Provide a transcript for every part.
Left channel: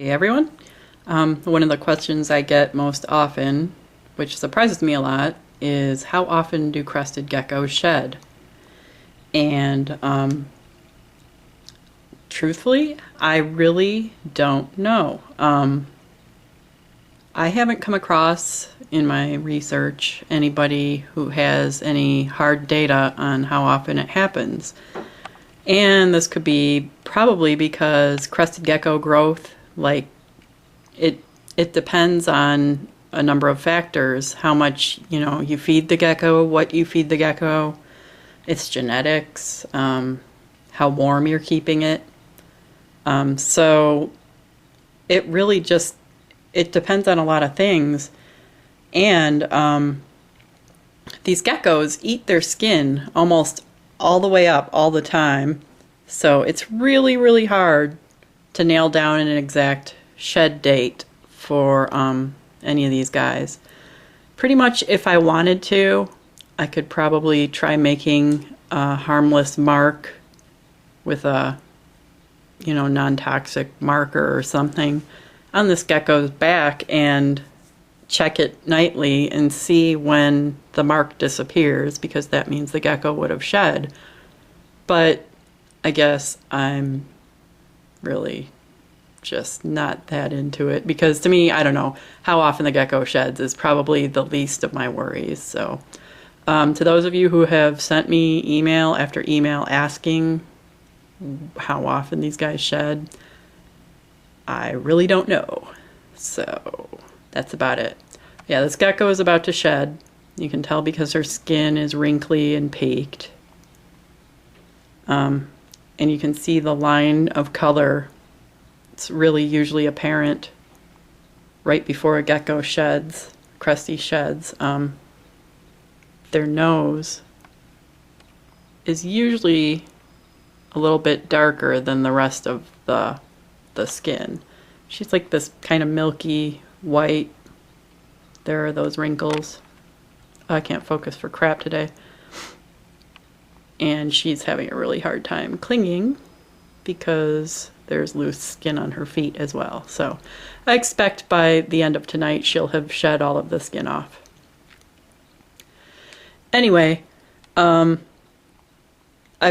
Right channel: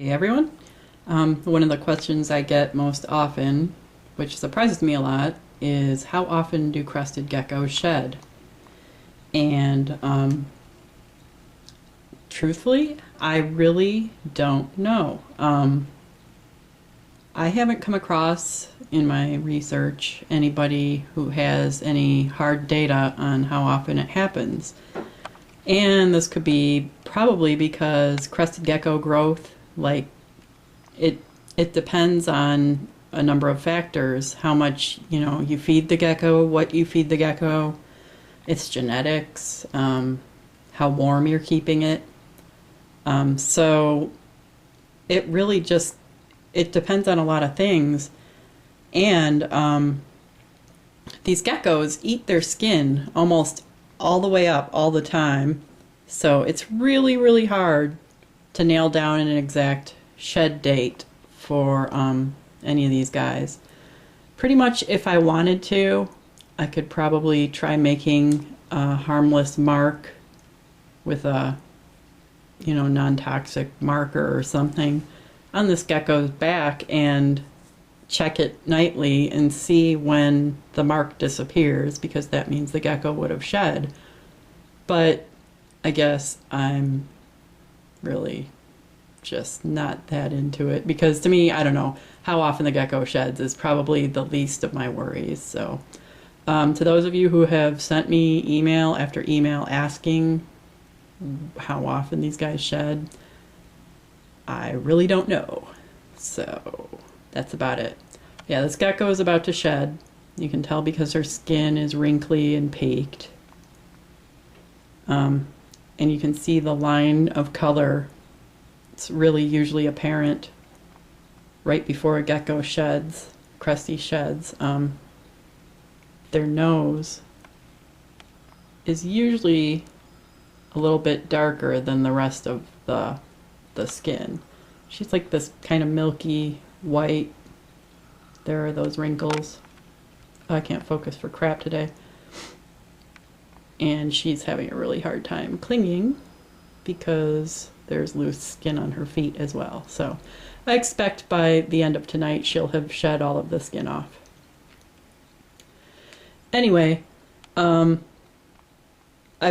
Hey everyone. One of the questions I get most often, which surprises me a lot, is how often do crested geckos shed? And truthfully, I really don't know. I haven't come across in my research anybody who has any hard data on how often it happens. And this could be probably because crested gecko growth, like it it depends on a number of factors. How much, you feed the gecko, what you feed the gecko, its genetics, how warm you're keeping it. So it really just it depends on a lot of things. And these geckos eat their skin almost all the way up all the time. So it's really, really hard to nail down an exact shed date for any of these guys. Pretty much if I wanted to, I could probably try making a harmless mark with a, non-toxic marker or something on this gecko's back and check it nightly and see when the mark disappears, because that means the gecko would have shed. But I guess I'm really just not that into it, because to me, I don't know, how often the gecko sheds is probably the least of my worries. So to those of you who have sent me email after email asking how often these guys shed, I really don't know. So that's about it. Yeah, this gecko is about to shed. You can tell because her skin is wrinkly and peaked. And you can see the line of color. It's really usually apparent right before a gecko sheds, Cresty sheds. Their nose is usually a little bit darker than the rest of the skin. She's like this kind of milky white. There are those wrinkles. I can't focus for crap today. And she's having a really hard time clinging because there's loose skin on her feet as well. So I expect by the end of tonight she'll have shed all of the skin off. Anyway, I've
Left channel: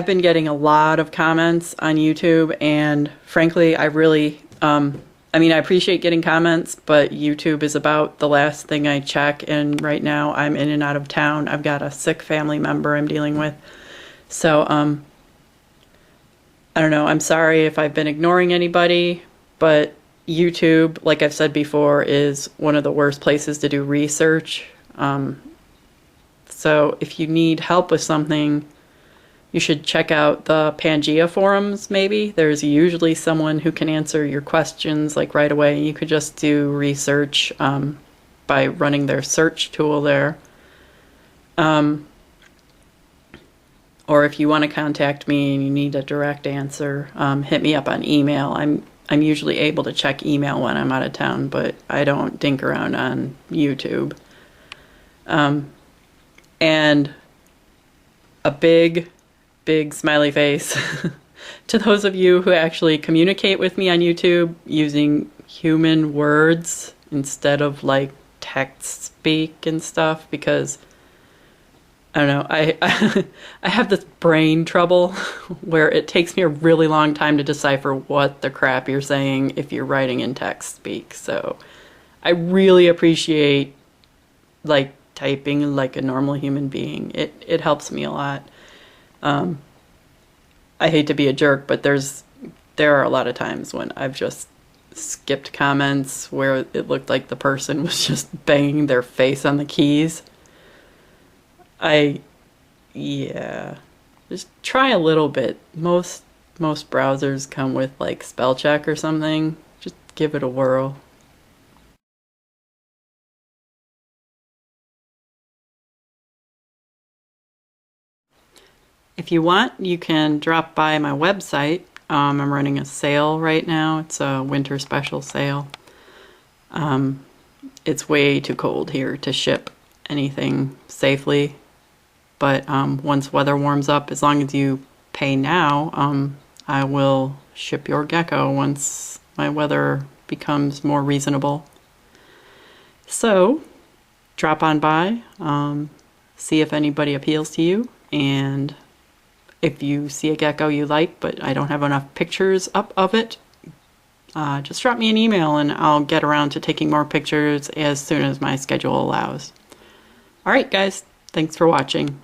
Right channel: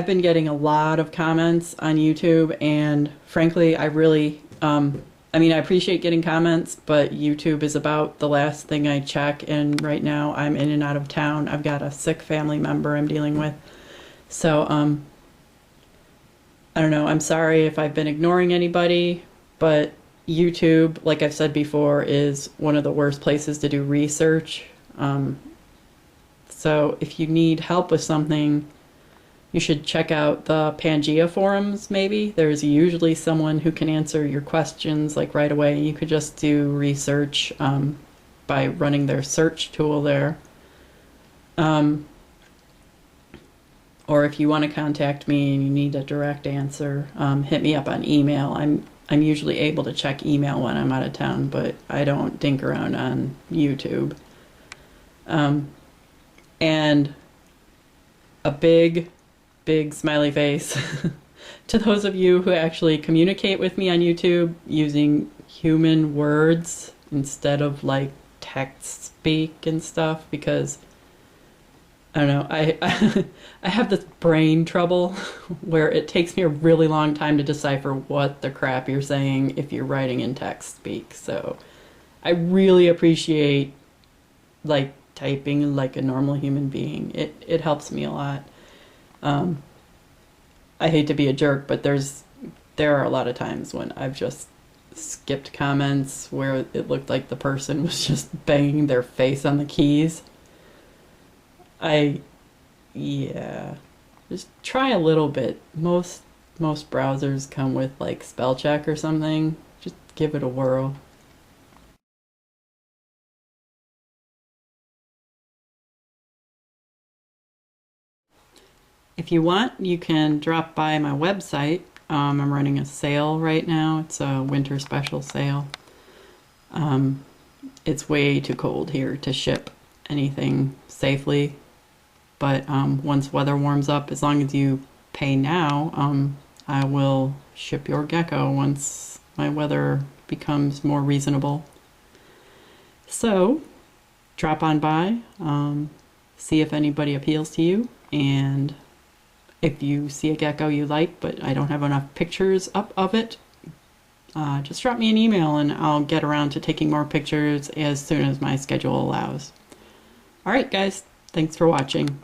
been getting a lot of comments on YouTube, and frankly, I really, I appreciate getting comments, but YouTube is about the last thing I check, and right now I'm in and out of town. I've got a sick family member I'm dealing with. So, I don't know, I'm sorry if I've been ignoring anybody, but YouTube, like I've said before, is one of the worst places to do research. So if you need help with something, you should check out the Pangea forums, maybe. There's usually someone who can answer your questions like right away. You could just do research by running their search tool there. Or if you want to contact me and you need a direct answer, hit me up on email. I'm usually able to check email when I'm out of town, but I don't dink around on YouTube. And a big smiley face to those of you who actually communicate with me on YouTube using human words instead of like text speak and stuff, because I don't know, I have this brain trouble where it takes me a really long time to decipher what the crap you're saying if you're writing in text speak. So I really appreciate like typing like a normal human being. It helps me a lot. I hate to be a jerk, but there are a lot of times when I've just skipped comments where it looked like the person was just banging their face on the keys. Yeah, just try a little bit. Most browsers come with like spell check or something. Just give it a whirl. If you want, you can drop by my website. I'm running a sale right now. It's a winter special sale. It's way too cold here to ship anything safely. But once weather warms up, as long as you pay now, I will ship your gecko once my weather becomes more reasonable. So drop on by, see if anybody appeals to you, and if you see a gecko you like but I don't have enough pictures up of it, just drop me an email and I'll get around to taking more pictures as soon as my schedule allows. All right, guys, thanks for watching.